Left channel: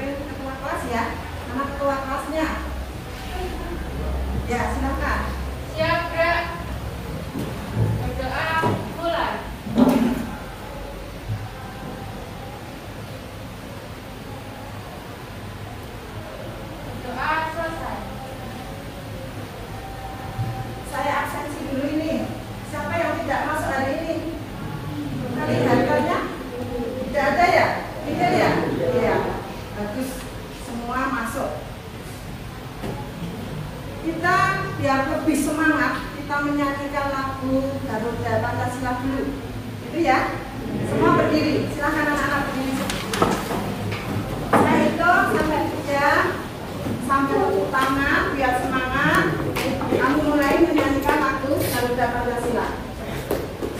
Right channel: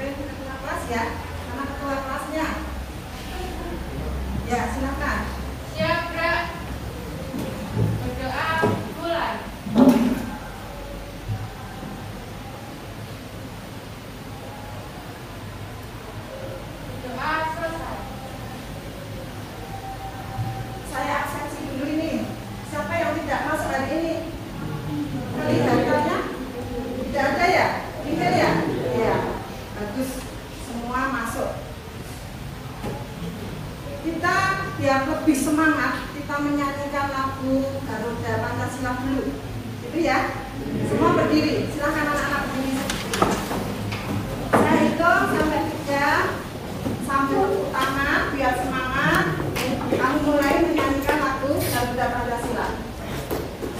ketua kelas ya. Nama ketua kelasnya. Ya, silakan. Siap, Kak. Berdoa bulan. Doa selesai. Saya absensi dulu ini. Siapa yang tidak masuk hari ini? Kalian tidak ada ya? Tidak ya? Iya. Bagus. Semua masuk. Kita biar lebih semangat, kita menyanyikan lagu Garuda Pancasila dulu. Itu ya. Semua berdiri. Silakan anak-anak berdiri. Saya hitung sampai 3. Sambung tangan biar semangat. Kamu mulai menyanyikan lagu Garuda Pancasila.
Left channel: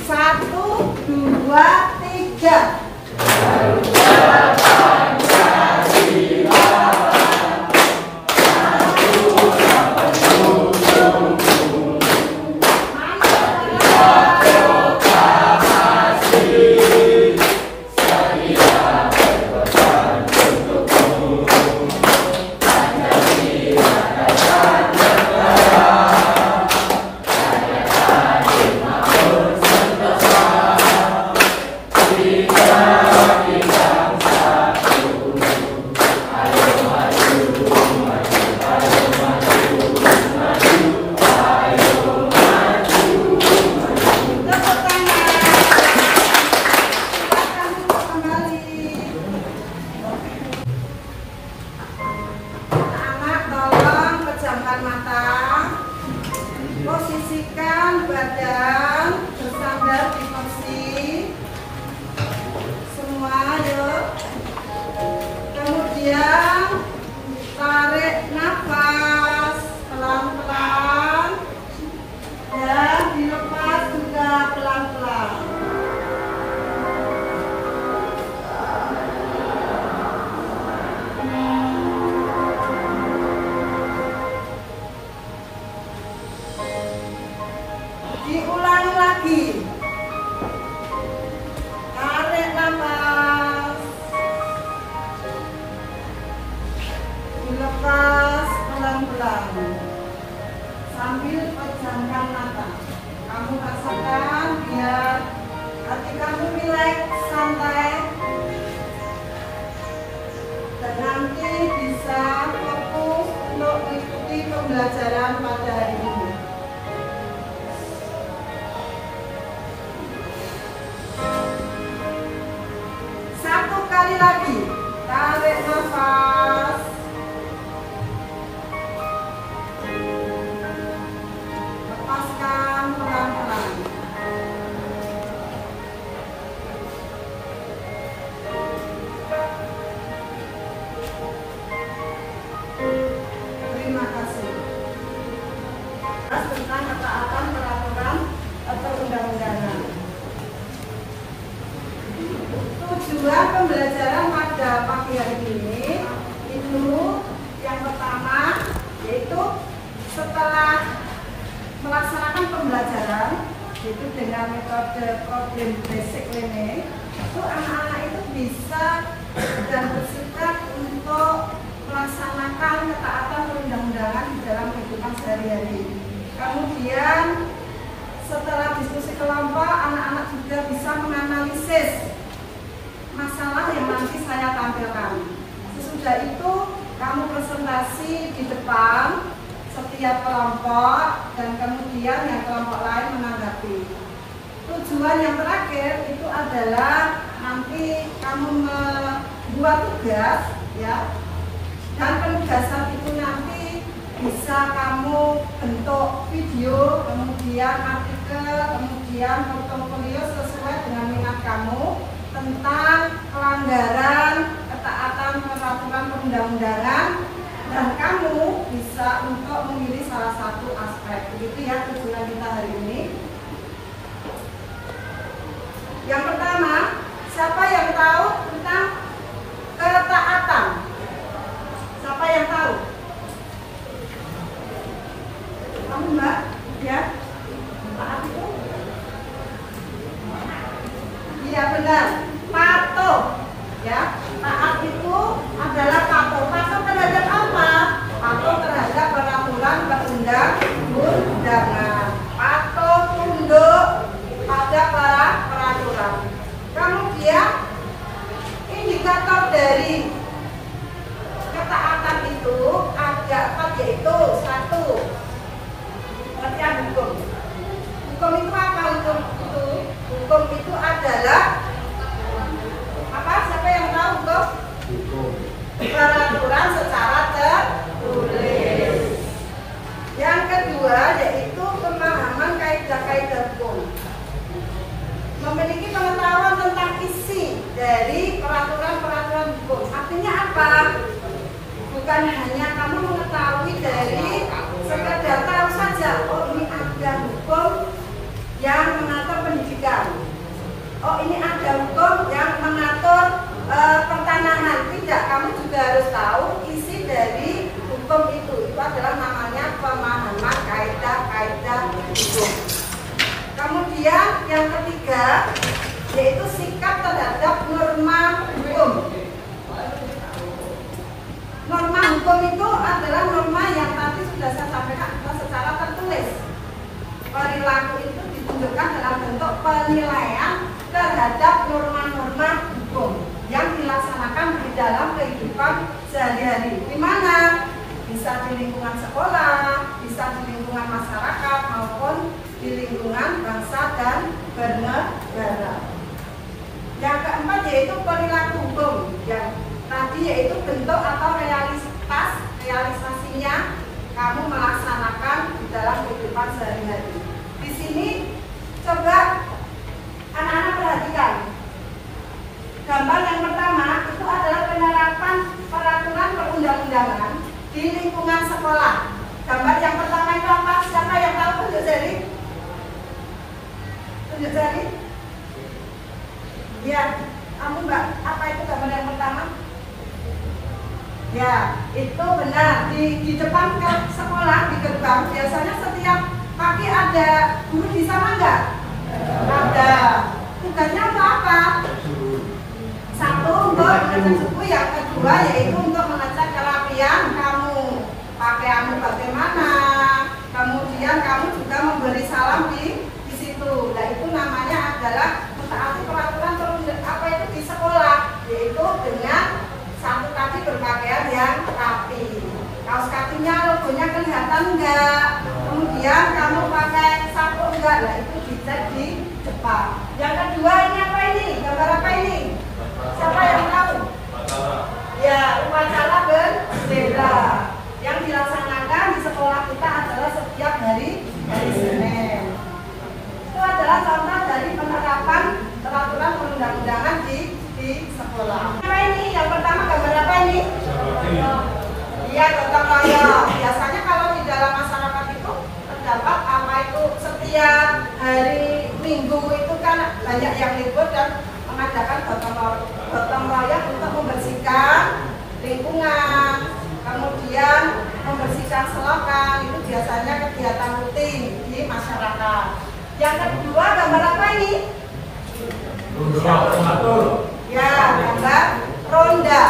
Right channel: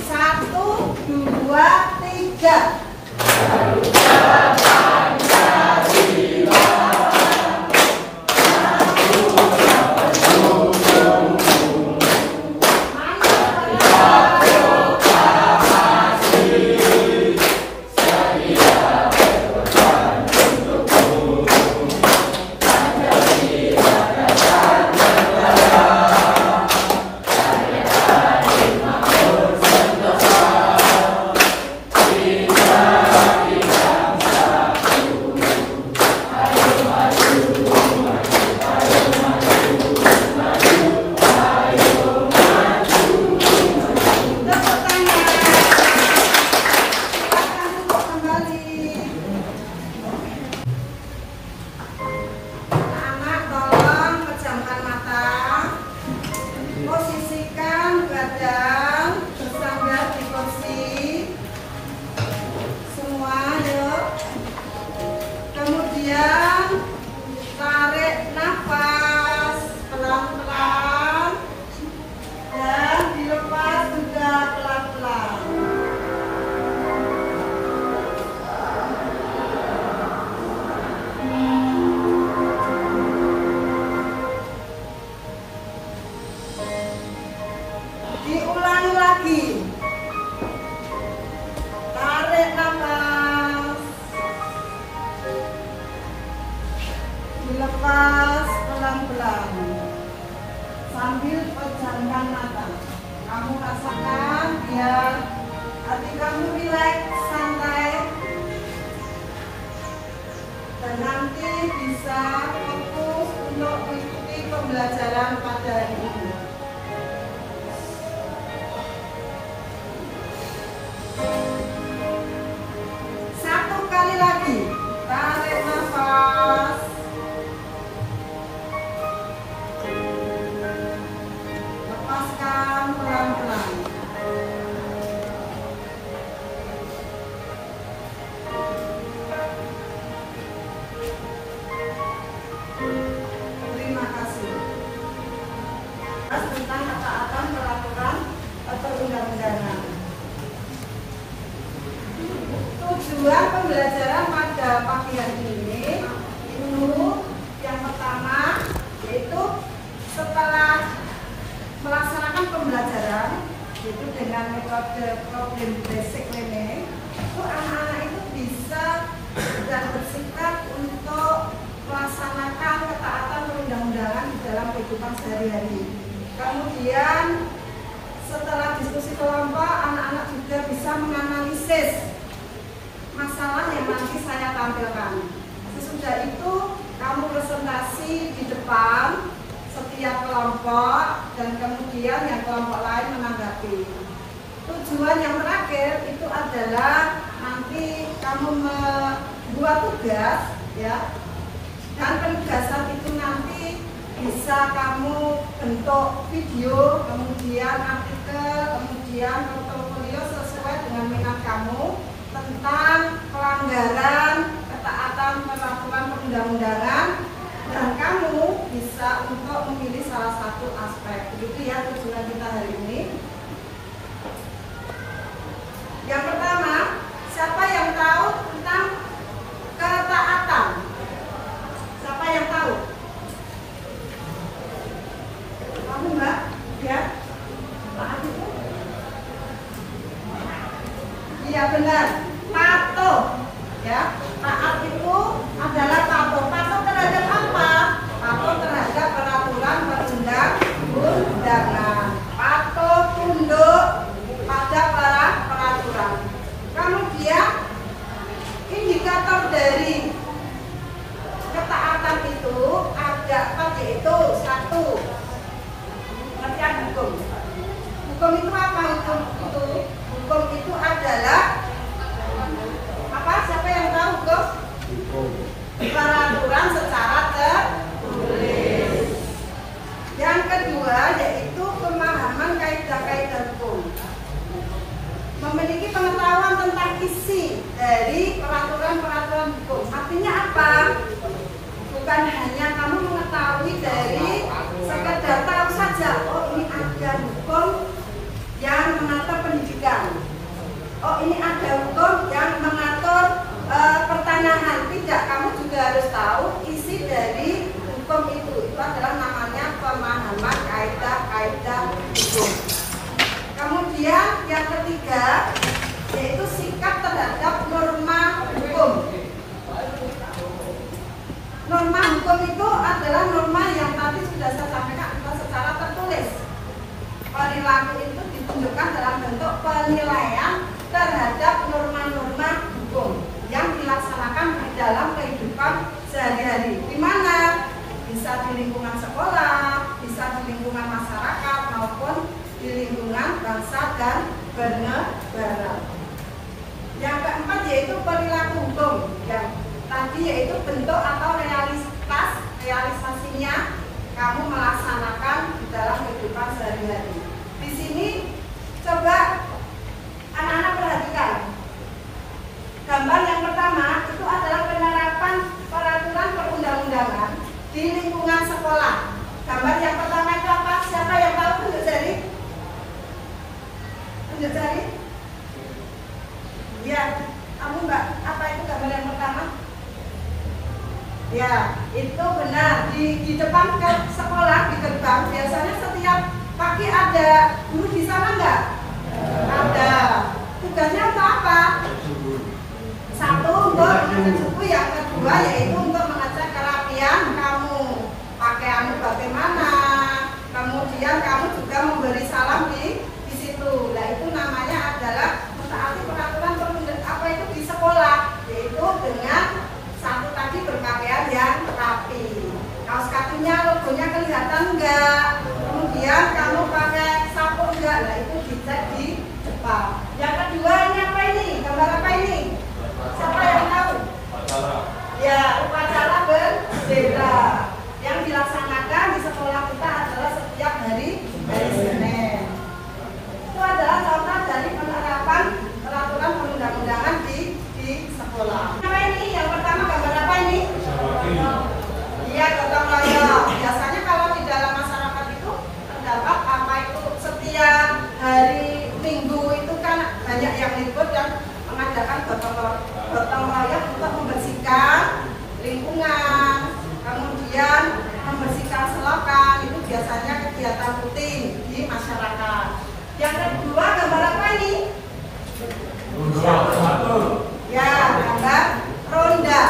1, 2, 3. Posisikan badan bersandar di kursi. Semua yuk. Kemudian tarik nafas pelan-pelan dan dilepas juga pelan-pelan. Diulangi lagi. Tarik nafas. Dilepas pelan-pelan. Sambil pejamkan mata. Kamu rasakan biar hati kamu rileks, santai. Dan nanti bisa fokus untuk mengikuti pembelajaran pada hari ini. Satu kali lagi, tarik nafas. Lepaskan pelan-pelan. Terima kasih. Tentang ketaatan peraturan perundang-undangan. Tujuan pembelajaran pada pagi hari ini itu yang pertama yaitu setelah melaksanakan pembelajaran itu dengan metode problem basic ini, itu anak-anak itu bisa dan bersikap untuk melaksanakan ketaatan perundang-undangan di dalam kehidupan sehari-hari. Kemudian setelah diskusi kelompok, anak-anak juga bisa menganalisis masalah yang nanti saya tampilkan. Sesudah itu kamu presentasi di depan setiap kelompok dan kemudian yang kelompok lain menanggapi. Tujuan yang terakhir itu adalah nanti kamu membuat tugas ya, dan penugasan itu nanti bisa kamu bentuk video, kemudian artikel, kemudian portofolio sesuai dengan minat kamu tentang pelanggaran ketaatan peraturan perundang-undangan, dan kamu bisa untuk memilih salah satu aspek. Begitu ya tujuan kita hari ini. Yang pertama, siapa yang tahu tentang ketaatan? Siapa yang tahu? Kamu Mbak? Ya? Taat itu? Iya benar, patuh. Ya, taat itu adalah Hukum itu apa? Hukum itu adalah apa? Siapa yang tahu hukum? Peraturan secara tertulis. Yang kedua yaitu pemahaman kaidah-kaidah hukum. Memiliki pengetahuan tentang isi dari peraturan-peraturan hukum. Artinya apa? Bukan hanya kamu mengetahui dari sekedar tahu saja, oh ini ada hukum yang mengatur pendidikan, oh ini ada hukum yang mengatur pertanahan. Tidak, kamu juga harus tahu isi dari hukum itu. Itu adalah namanya pemahaman kaidah-kaidah hukum. Kemudian yang ketiga yaitu sikap terhadap norma hukum. Norma hukum itu adalah norma yang tadi sudah saya sampaikan secara tertulis. Perilaku itu ditunjukkan dalam bentuk penilaian terhadap norma-norma hukum yang dilaksanakan di dalam kehidupan sehari-hari. Di mana? Bisa di lingkungan sekolah, bisa di lingkungan masyarakat maupun di lingkungan bangsa dan bernegara. Yang keempat yaitu perilaku hukum, yang tadi yaitu bentuk atau realisasinya kamu melaksanakan di dalam kehidupan sehari-hari. Di sini coba anak-anak perhatikan. Gambar yang pertama itu adalah penerapan peraturan perundang-undangan di lingkungan sekolah. Gambar yang pertama itu apa? Siapa yang tahu? Tunjuk jari. Tunjuk jari. Ya, kamu Mbak, apa itu gambar yang pertama? Ya, itu benar. Di depan ke sekolah, di gerbang biasanya setiap pagi ada guru di sana enggak? Ada. Tugasnya untuk apa? Satu, untuk mengecek buku. Yang kedua yaitu untuk mengecek kerapian kamu, pakaianmu bagaimana. Kemudian kamu juga memberi salam di situ. Nah, itu namanya adalah mentaati peraturan apa itu di sekolah, yaitu dengan satu kaki berpakaian yang rapi. Kaos kakinya logonya kelihatan enggak? Kemudian kamu pakai sapu enggak? Nah, itu dicek di depan. Yang kedua ini apa ini? Gambar apa ini? Siapa yang tahu? Ya, upacara berbeda yang dilaksanakan di sekolah kita adalah setiap hari Senin. Itu adalah contoh dari penerapan peraturan perundang-undangan di sekolah. Apa ini? Yang pertama gambar apa ini? Iya, gotong royong. Biasanya kalau di dalam masyarakat itu terdapat apa itu setiap hari Minggu itu kan banyak yang libur dan mengadakan gotong royong untuk membersihkan lingkungan, kemudian membersihkan selokan. Itu biasanya kegiatan rutin di masyarakat. Yang kedua gambar apa ini? Ya, gambar ronda.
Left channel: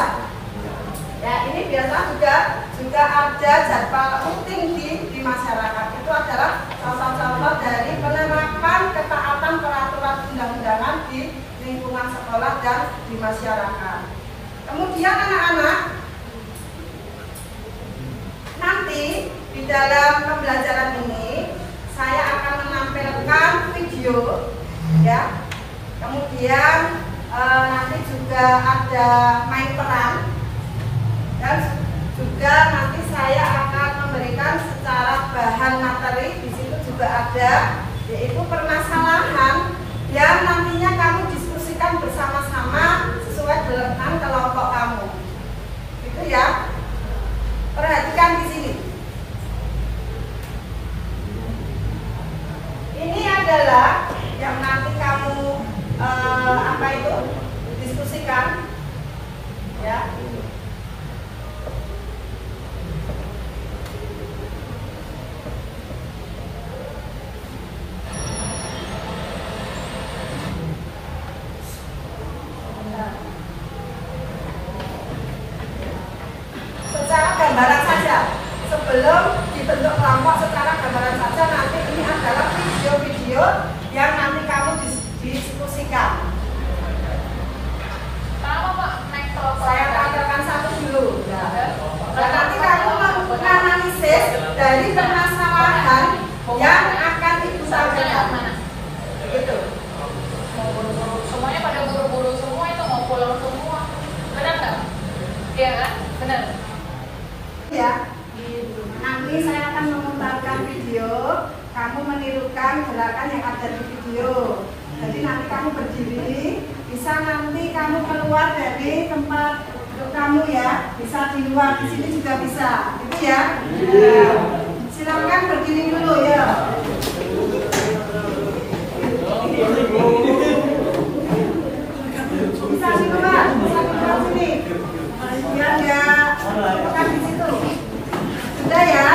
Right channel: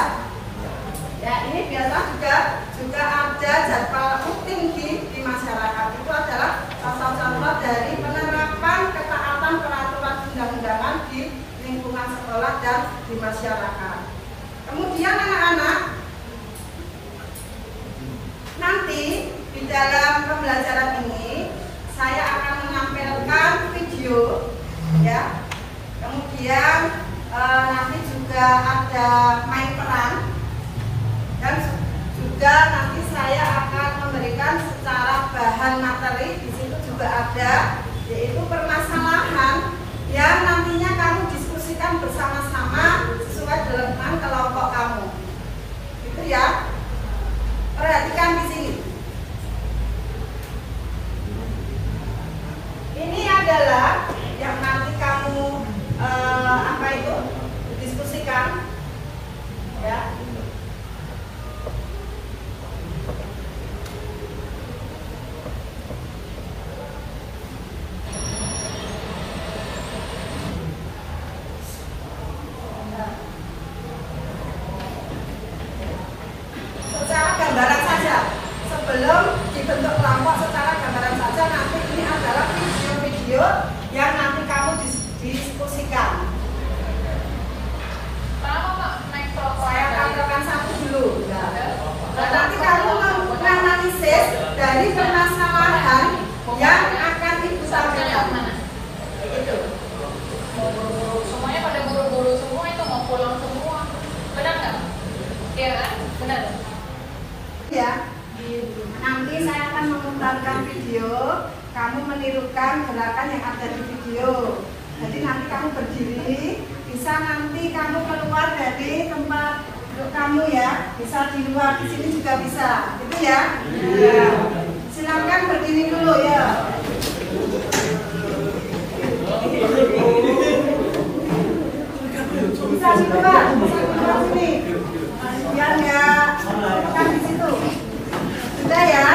Ya, ini biasa juga ada jadwal rutin di masyarakat. Itu adalah contoh-contoh dari penerapan ketaatan peraturan undang-undangan di lingkungan sekolah dan di masyarakat. Kemudian anak-anak, nanti di dalam pembelajaran ini saya akan menampilkan video, ya. Kemudian nanti juga ada main peran dan juga nanti saya akan memberikan secara bahan materi. Di situ juga ada yaitu permasalahan yang nantinya kamu diskusikan bersama-sama sesuai dengan kelompok kamu. Itu ya. Perhatikan di sini. Ini adalah yang nanti kamu apa itu diskusikan, ya. Secara gambaran saja, sebelum dibentuk kelompok secara gambaran saja, nanti ini adalah video-video yang nanti kamu diskusikan. Saya tampilkan satu dulu. Nah, nanti kamu menganalisis dari permasalahan yang akan ibu sampaikan. Benar. Ya, nanti saya akan memutarkan video, kamu menirukan gerakan yang ada di video. Jadi nanti kamu berdiri, bisa nanti kamu keluar dari tempat duduk kamu ya, bisa di luar, di sini juga bisa, gitu ya. Ya. Silakan berdiri dulu ya. Bisa di luar, bisa di luar sini. Ya, ya, bukan di situ. Sudah ya,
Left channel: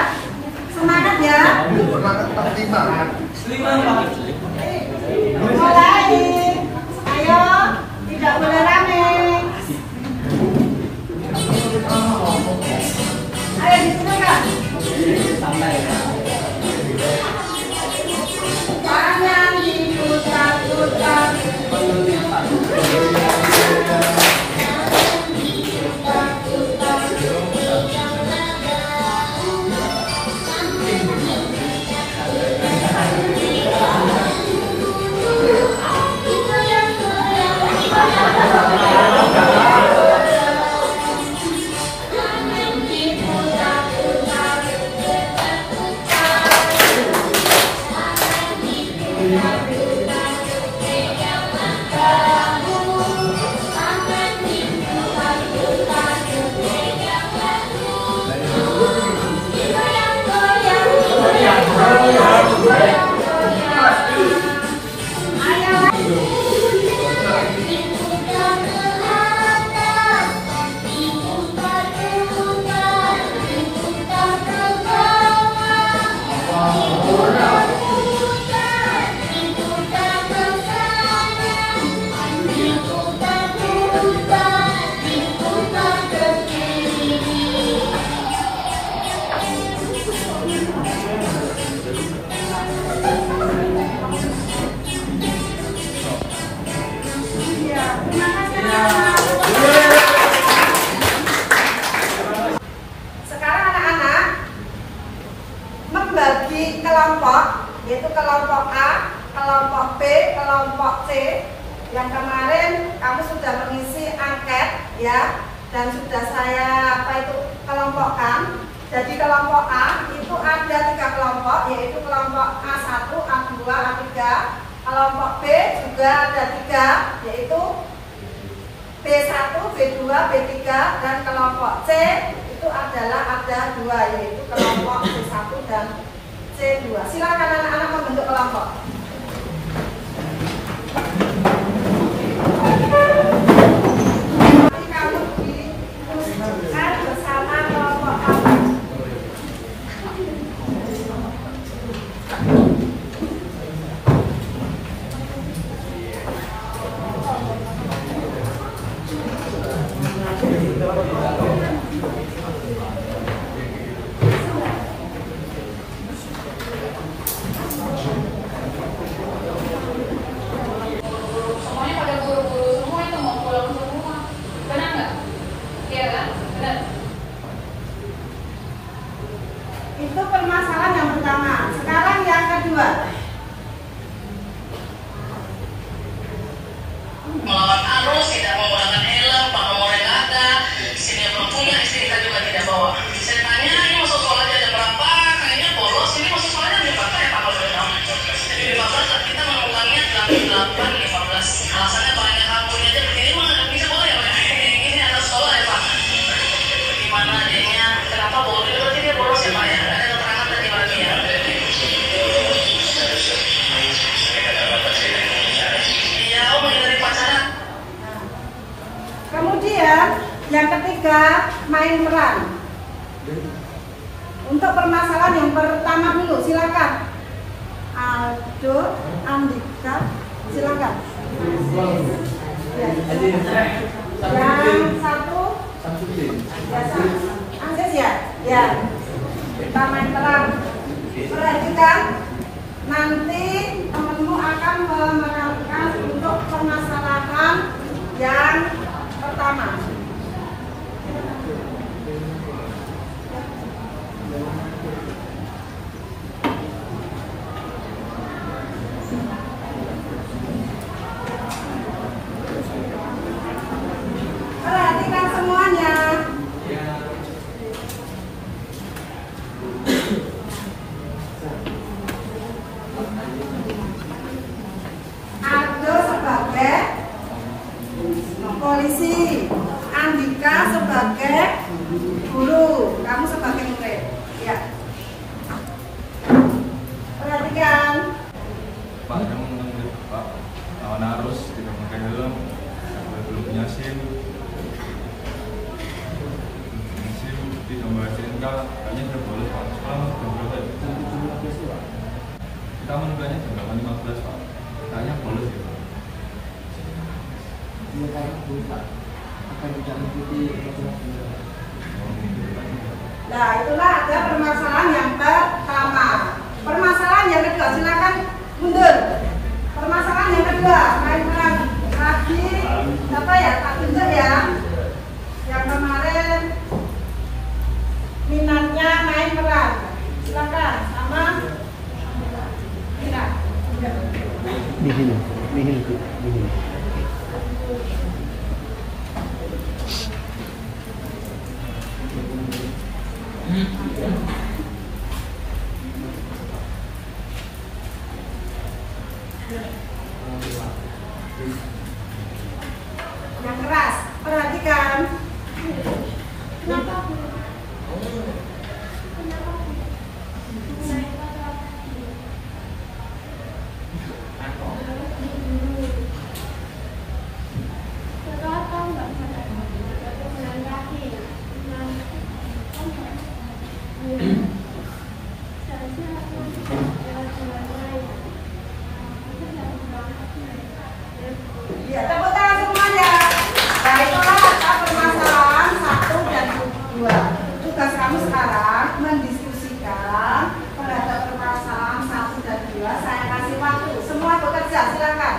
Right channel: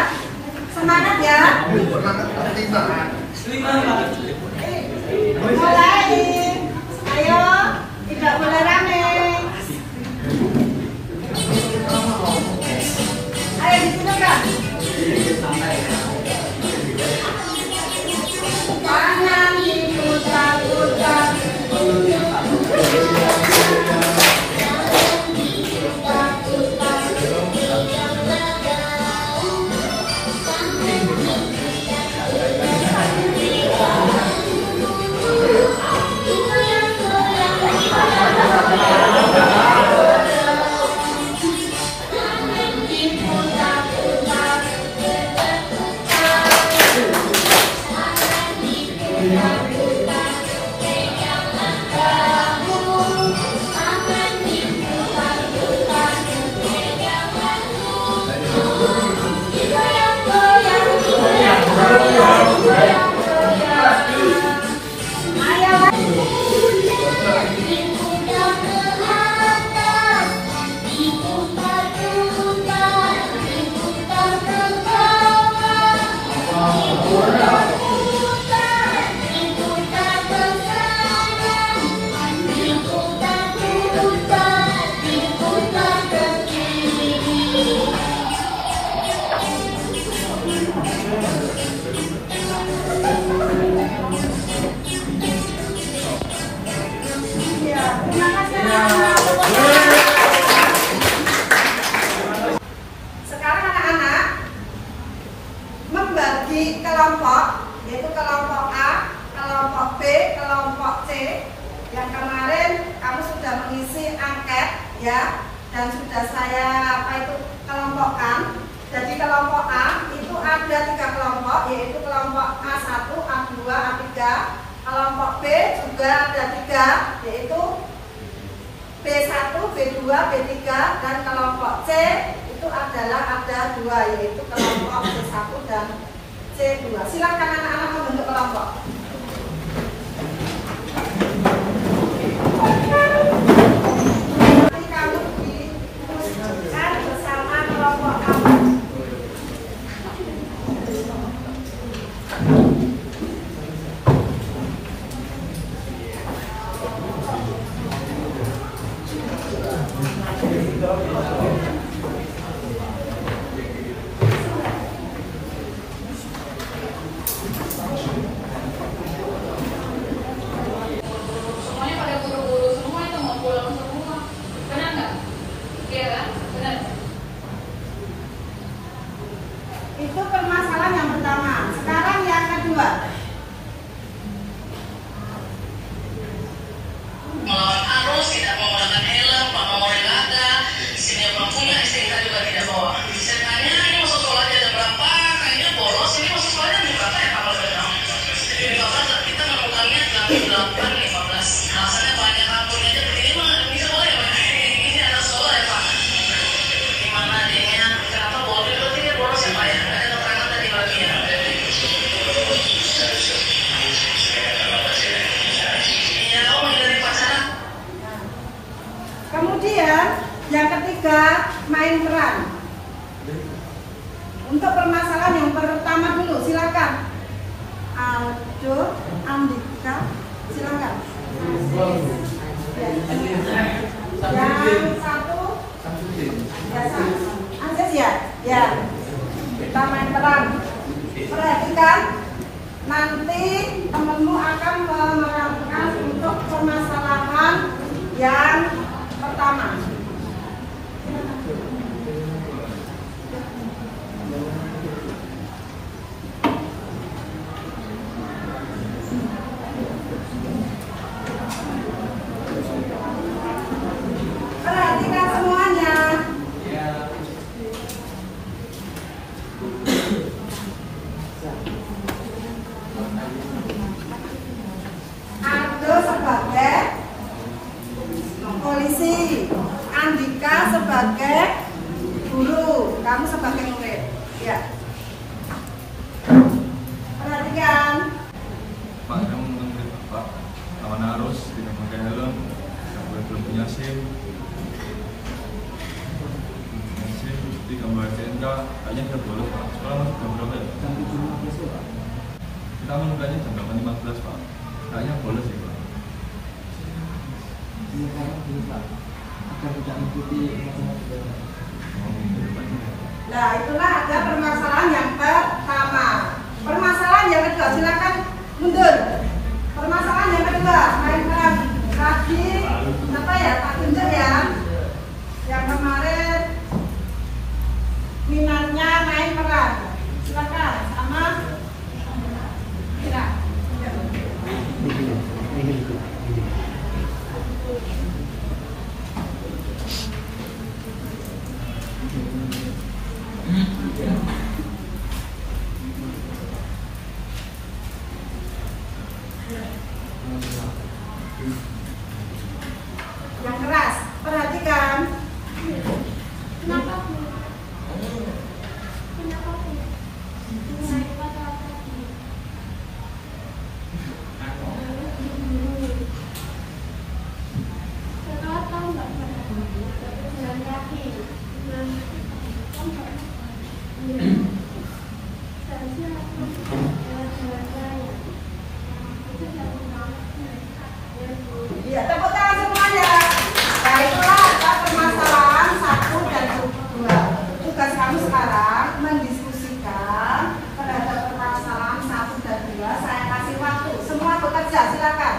semangat ya. Mulai, ayo, tidak boleh rame. Ayo di sini Kak. Tangan diputar-putar. Sekarang anak-anak membagi kelompok, yaitu kelompok A, kelompok B, kelompok C. Yang kemarin kamu sudah mengisi angket ya, dan sudah saya kelompokkan. Jadi kelompok A itu ada 3 kelompok, yaitu kelompok A1, A2, A3. Kelompok B juga ada 3, yaitu B1, B2, B3, dan kelompok C itu adalah ada 2, yaitu kelompok C1 dan C2. Silakan anak-anak membentuk kelompok. Kamu diteruskan bersama kelompok kamu. Semuanya pada guru-guru semua itu mau pulang semua. Benar nggak? Iya kan? Benar. Itu permasalahan yang pertama. Sekarang yang kedua. Melawan arus, tidak menggunakan helm, pakai regatta, sini belum punya, istri kita juga tidak bawa. Saya tanya, ini masuk sekolah jam berapa? Kayaknya bolos, ini masuk sekolah jam berapa ya tanggal berapa? 15, kita menemukannya jam 8.15. Alasannya banyak kampungnya aja begini mah bisa boleh ya Pak? Ini ada sekolah ya Pak? Gimana adanya? Kenapa boleh? Berarti dia bolos ya Pak ya? Ada keterangan tadi lagi ya? Iya, oh menghindari pacaran. Kemudian yang ketiga, main peran. Untuk permasalahan yang pertama dulu, silakan. Aldo, Andika, silakan. Yang satu, Anggit ya, ya. Kita main peran. Perhatikan, nanti temanmu akan memaparkan untuk permasalahan yang pertama. Perhatikan semuanya. kita kayaknya sudah bolos Pak. Sekarang jam berapa ya? Jam 7.15 Pak. Kita menukanya jam 8.15 Pak. Kayaknya bolos ya Pak. Iya kayaknya bolos Pak. Akan tidak mengikuti aturan. Nah, itulah ada permasalahan yang pertama. Permasalahan yang kedua, silakan mundur. Permasalahan yang kedua, mainkan lagi apa ya? Tak tunjuk ya. Yang kemarin minatnya main peran. Silakan sama Mira. Yang keras, perhatikan. Kenapa? Ya, tepuk tangan semuanya. Baiklah, apa permasalahan 1 dan 2. Tugas kamu sekarang mendiskusikan terhadap permasalahan 1 dan 2. Saya kasih waktu. Semua bekerja, silakan.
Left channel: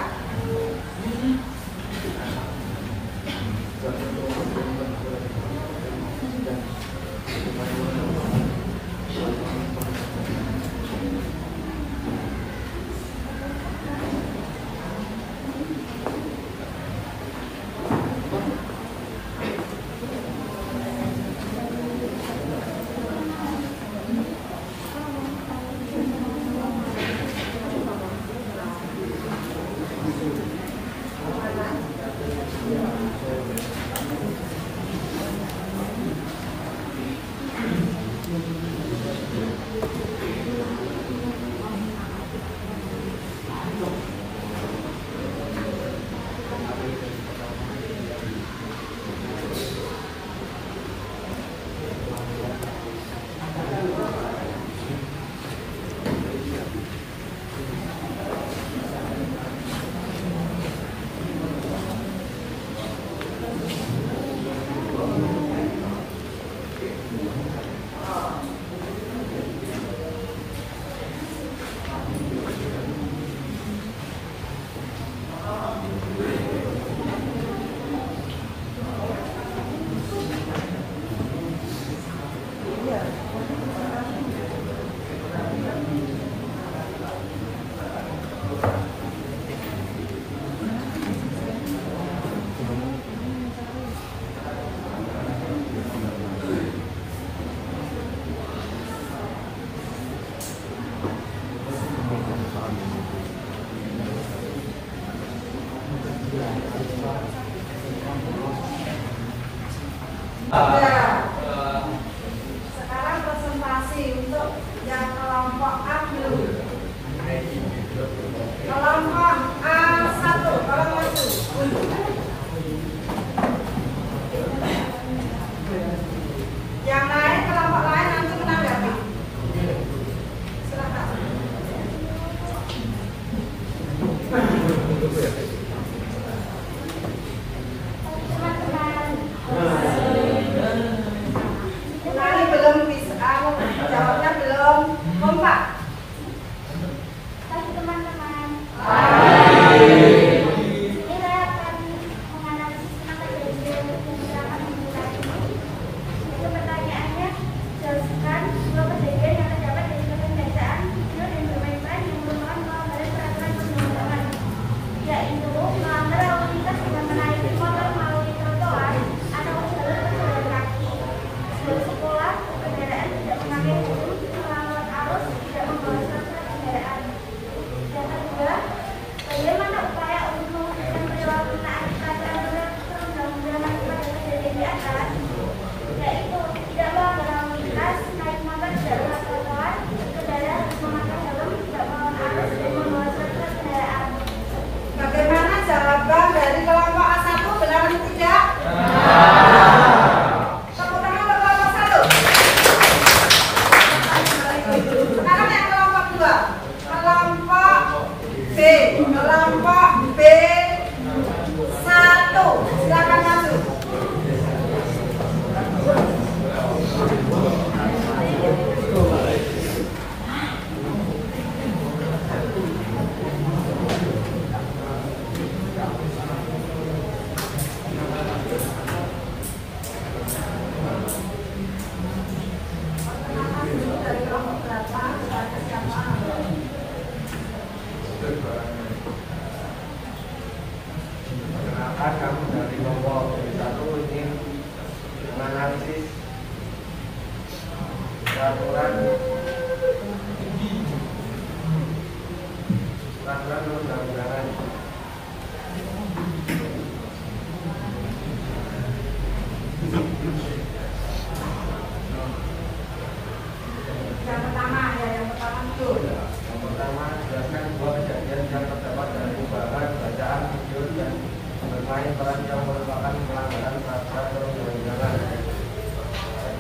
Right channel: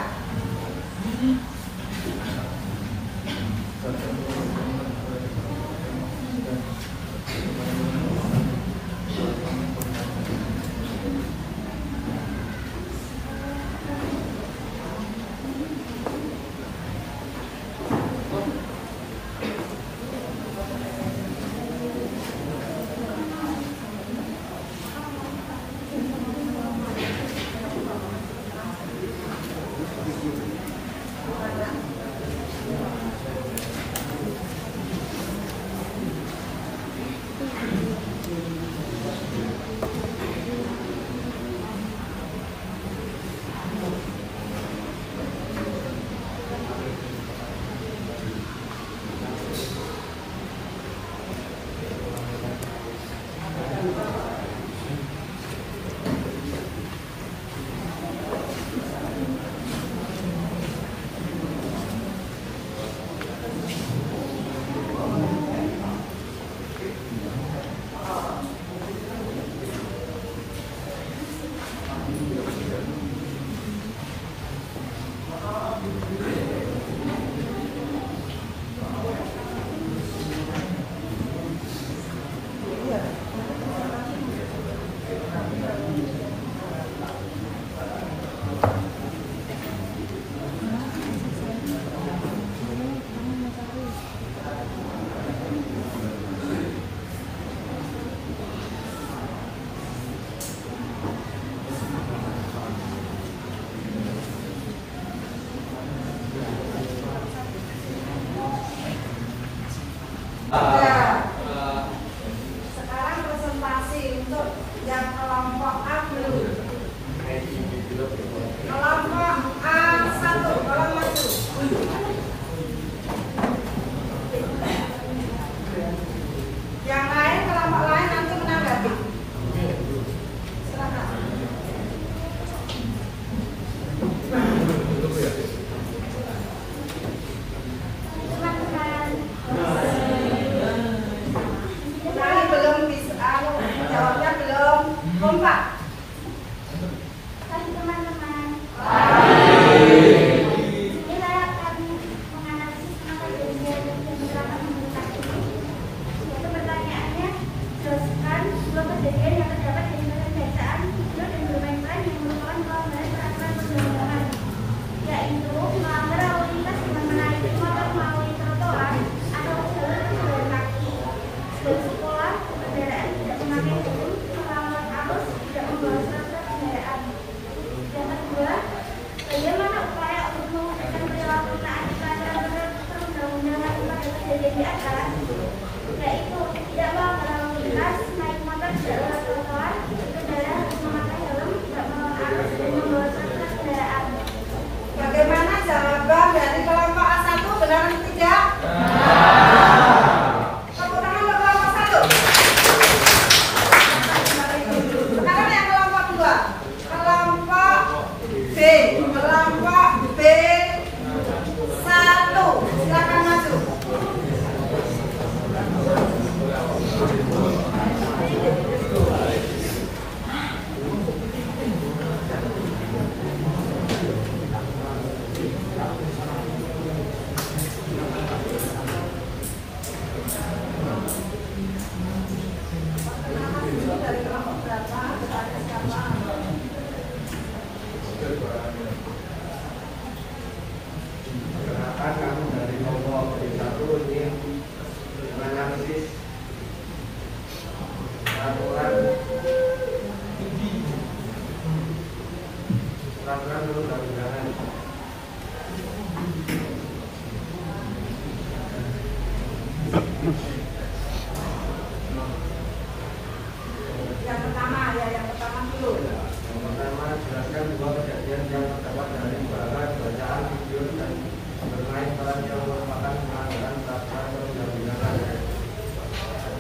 Sekarang presentasi untuk yang kelompok A dulu. Kelompok A1, kelompok 1. Yang lain, kelompok lain nanti menanggapi. Silakan. Belum bisa, jawabnya belum kompak. Teman-teman, ini saya akan menganalisis kenapa kejadian penyerangan ini. Itu pertanyaannya, jelaskan dua kejadian yang terdapat dari pembacaan video yang bermain-main yang merupakan pelanggaran peraturan perjalanan. Yaitu melanggar lalu lintas dengan menaiki motor melalui trotoar atau jalur pejalan kaki. Dan sekolah kendaraan tidak memakai helm, melawan arus, tidak membawa stempel kendaraan. Yang kedua, bagaimana upaya untuk mewujudkan perilaku taat peraturan perundang-undangan pada kejadian di atas, yaitu tidak melanggar lalu lintas, naik motor di jalur trotoar, kendaraan harus memakai helm, tidak melawan arus, dan membawa stempel kendaraan. Bagaimana jawaban dari kelompok A1, benar atau tidak? Tepuk tangan untuk kelompok 1.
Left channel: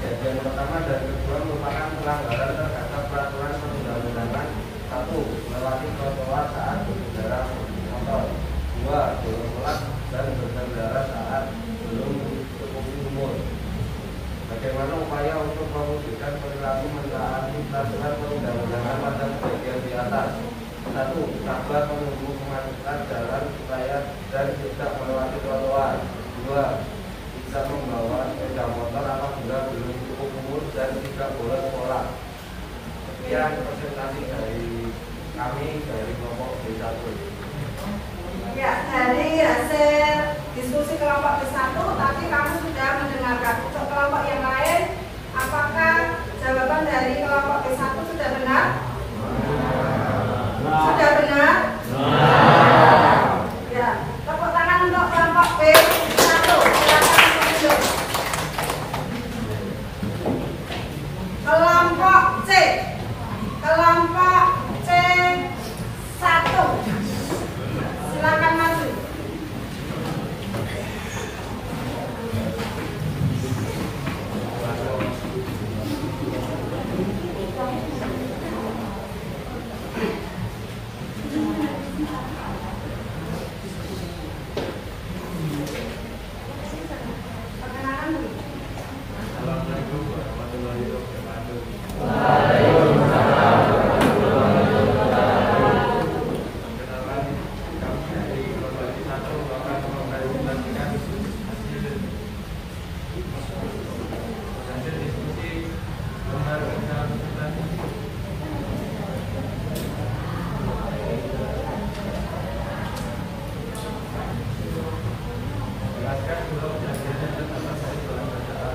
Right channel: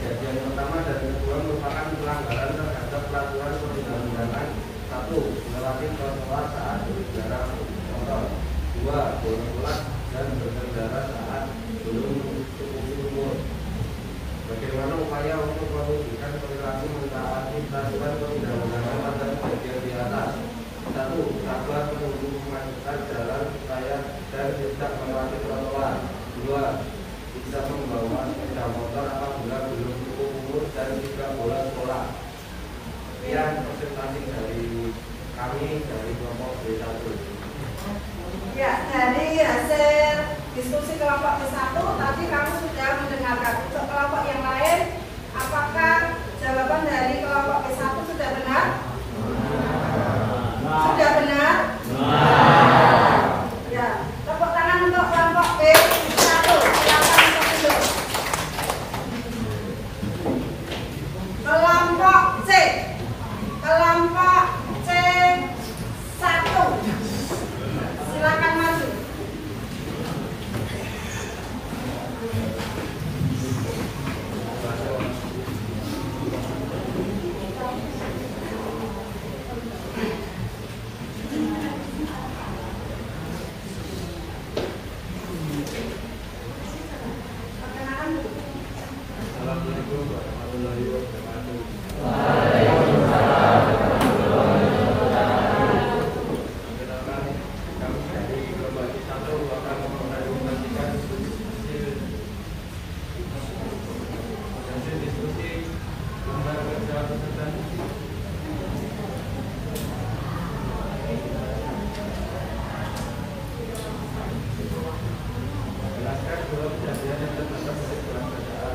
kejadian pertama dan kedua merupakan pelanggaran terhadap peraturan perundang-undangan. 1. Melewati trotoar saat berkendara motor. 2. Berulang dan berkendara saat belum cukup umur. Bagaimana upaya untuk mewujudkan perilaku mentaati peraturan perundang-undangan pada bagian di atas? 1. Sabar menunggu kemacetan jalan supaya dan tidak melewati trotoar. 2. Bisa membawa sepeda motor apabila belum cukup umur dan tidak boleh sekolah. Sekian presentasi dari kami dari kelompok B1. Ya, dari hasil diskusi kelompok B1 tadi kamu sudah mendengarkan. Untuk kelompok yang lain, apakah jawaban dari kelompok B1 sudah benar? Sudah benar? Ya, tepuk tangan untuk kelompok B1. Silakan untuk duduk. Kelompok C. Kelompok C1. Silakan maju. Perkenalan dulu. Assalamualaikum warahmatullahi wabarakatuh. Kami dari kelompok B1 akan mempresentasikan hasil diskusi lembar kerja keputusan jelaskan dua kejadian yang terdapat dari bulan bacaan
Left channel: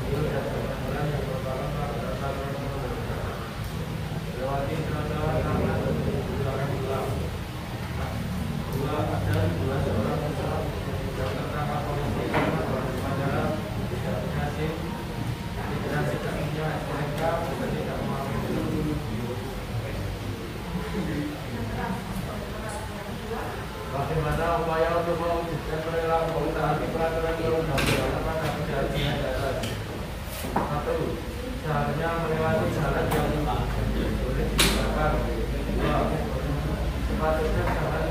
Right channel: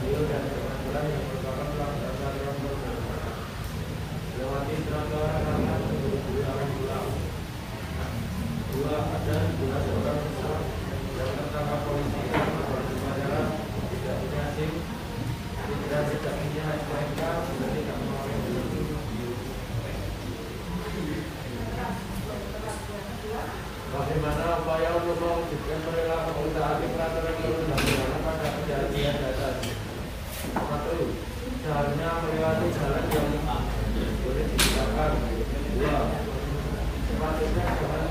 video dan kebetulan yang merupakan pelanggaran peraturan perundang-undangan. Lewati trotoar karena menggunakan pulang. 2. Ada 2 orang peserta yang tertangkap polisi karena berbicara tidak punya SIM, tidak punya STNK, dan tidak memakai helm. Bagaimana upaya untuk mewujudkan perilaku mentaati peraturan perundang-undangan pada kejadian dasar? 1. Seharusnya melewati jalan yang boleh digunakan. 2. Sepatutnya jangan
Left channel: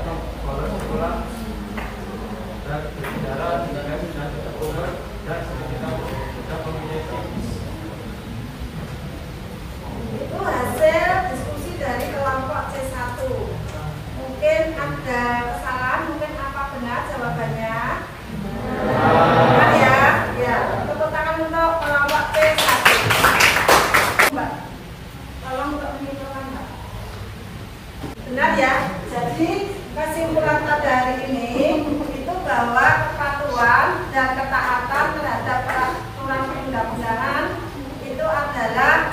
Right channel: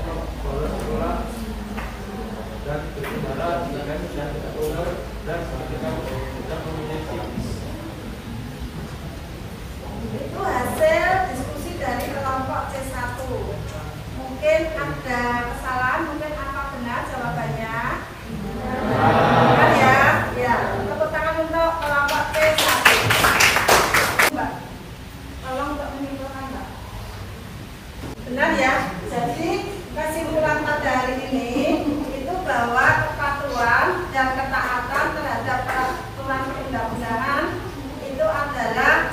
bolos sekolah dan berkendara jika sudah cukup umur dan kita sudah mempunyai SIM. Itu hasil diskusi dari kelompok C1. Mungkin ada kesalahan, mungkin apa benar jawabannya? Benar ya? Ya. Tepuk tangan untuk kelompok C1. Mbak, tolong untuk menyimpulkan Mbak. Benar ya? Jadi kesimpulan pada hari ini itu bahwa kepatuhan dan ketaatan terhadap peraturan perundang-undangan itu adalah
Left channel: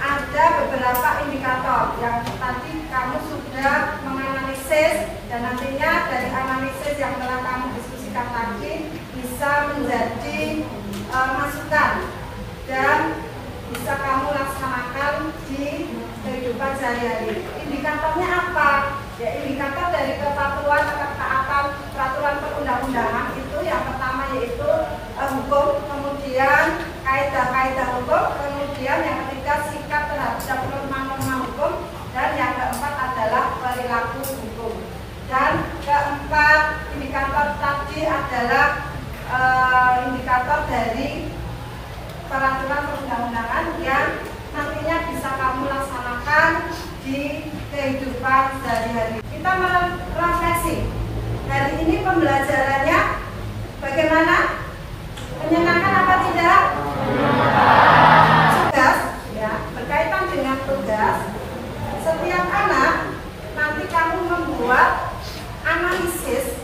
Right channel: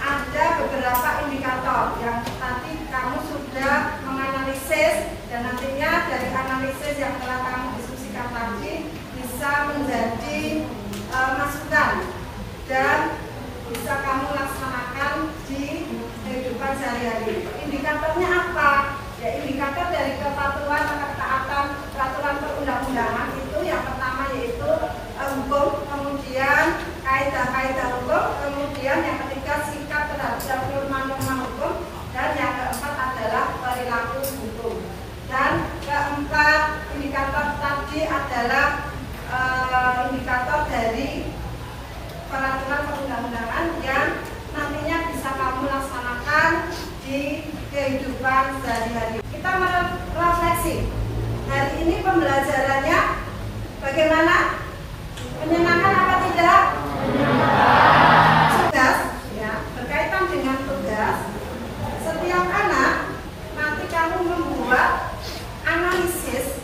ada beberapa indikator yang tadi kamu sudah menganalisis dan nantinya dari analisis yang telah kamu diskusikan tadi bisa menjadi masukan dan bisa kamu laksanakan di kehidupan sehari-hari. Indikatornya apa? Ya, indikator dari kepatuhan atau ketaatan peraturan perundang-undangan itu yang pertama yaitu hukum, kemudian kaidah-kaidah hukum, kemudian yang ketiga sikap terhadap norma-norma hukum, dan yang keempat adalah perilaku hukum. Dan keempat indikator tadi adalah indikator dari peraturan perundang-undangan yang nantinya bisa kamu laksanakan di kehidupan sehari-hari. Kita merefleksi. Hari ini pembelajarannya bagaimana? Menyenangkan apa tidak? Tugas, ya, berkaitan dengan tugas. Setiap anak nanti kamu membuat analisis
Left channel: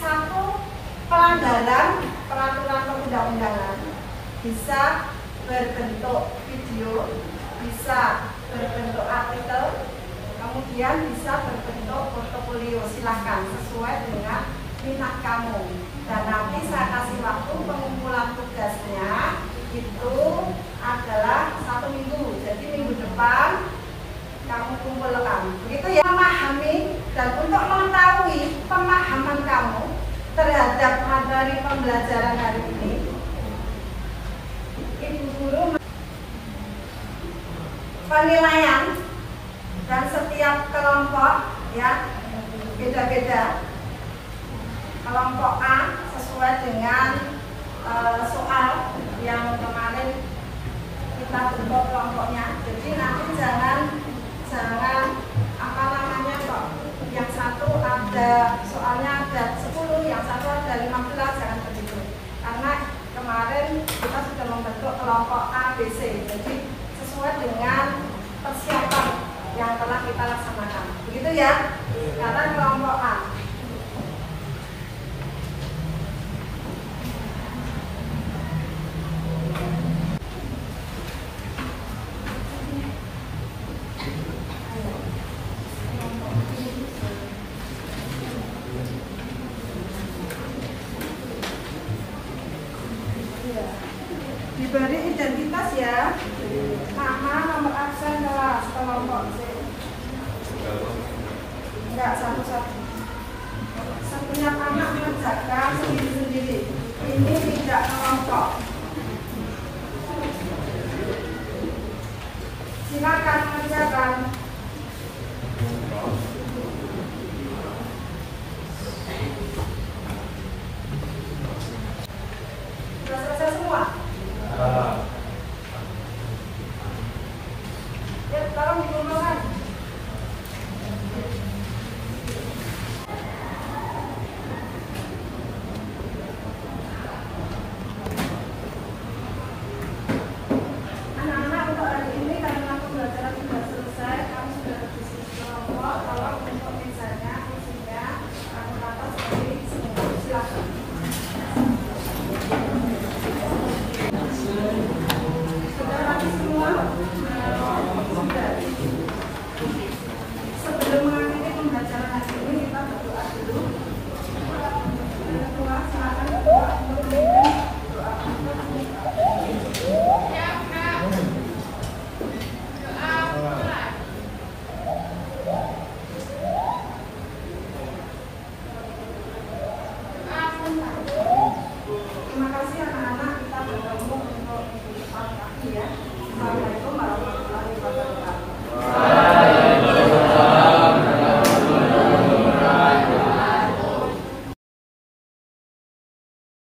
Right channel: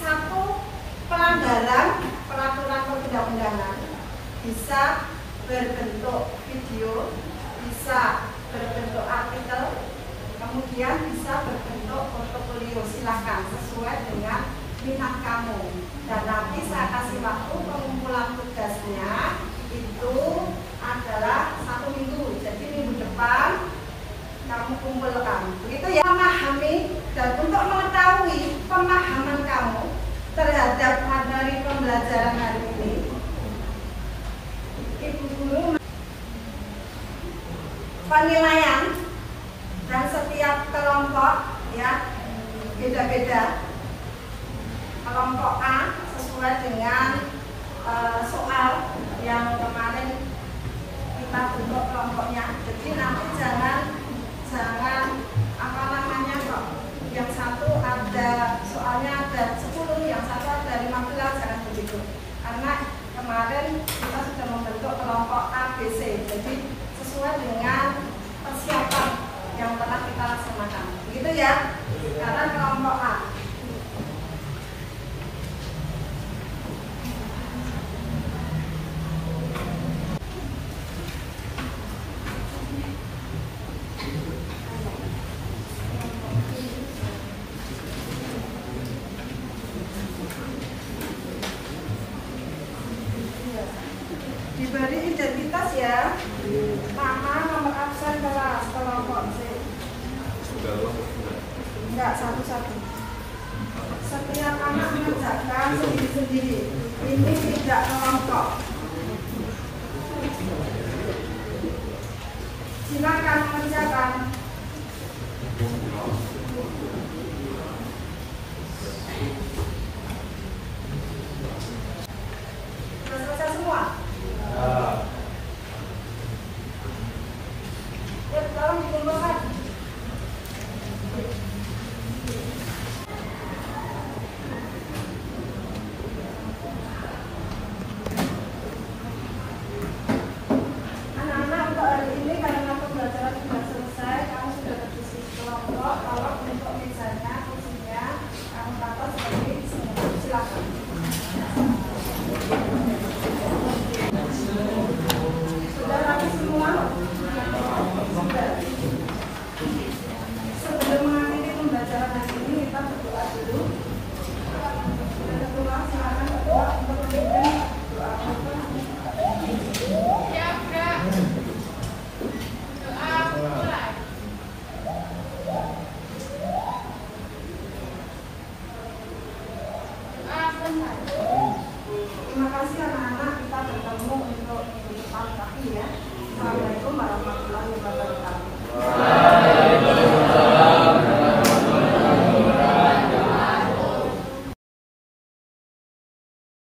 satu pelanggaran peraturan perundang-undangan. Bisa berbentuk video, bisa berbentuk artikel, kemudian bisa berbentuk portofolio. Silakan sesuai dengan minat kamu. Dan nanti saya kasih waktu pengumpulan tugasnya itu adalah 1 minggu. Jadi minggu depan kamu kumpulkan. Begitu ya, memahami dan untuk mengetahui pemahaman kamu terhadap materi pembelajaran hari ini, Ibu penilaian dan setiap kelompok ya beda-beda. Kelompok A sesuai dengan soal yang kemarin kita bentuk kelompoknya. Jadi nanti jangan apa namanya kok yang satu ada soalnya ada 10, yang satu ada 15, jangan begitu. Karena kemarin kita sudah membentuk kelompok A, B, C. Jadi sesuai dengan persiapan yang telah kita laksanakan. Begitu ya? Kata kelompok A. Diberi identitas ya, nama, nomor absen kelas, kelompok C. Enggak, satu-satu. Setiap anak mengerjakan sendiri-sendiri. Ini tidak kelompok. Silakan kerjakan. Sudah selesai semua? Ya, tolong dikumpulkan. Anak-anak untuk hari ini karena pembelajaran sudah selesai, kamu sudah berdiskusi kelompok. Kalau untuk misalnya isinya kamu tata seperti isinya. Silakan. Sudah rapi semua? Sebelum mengakhiri pembelajaran hari ini kita berdoa dulu. Ketua, silakan ketua untuk memimpin doa. Terima kasih anak-anak, kita bertemu untuk tahun kaki ya. Assalamualaikum warahmatullahi wabarakatuh.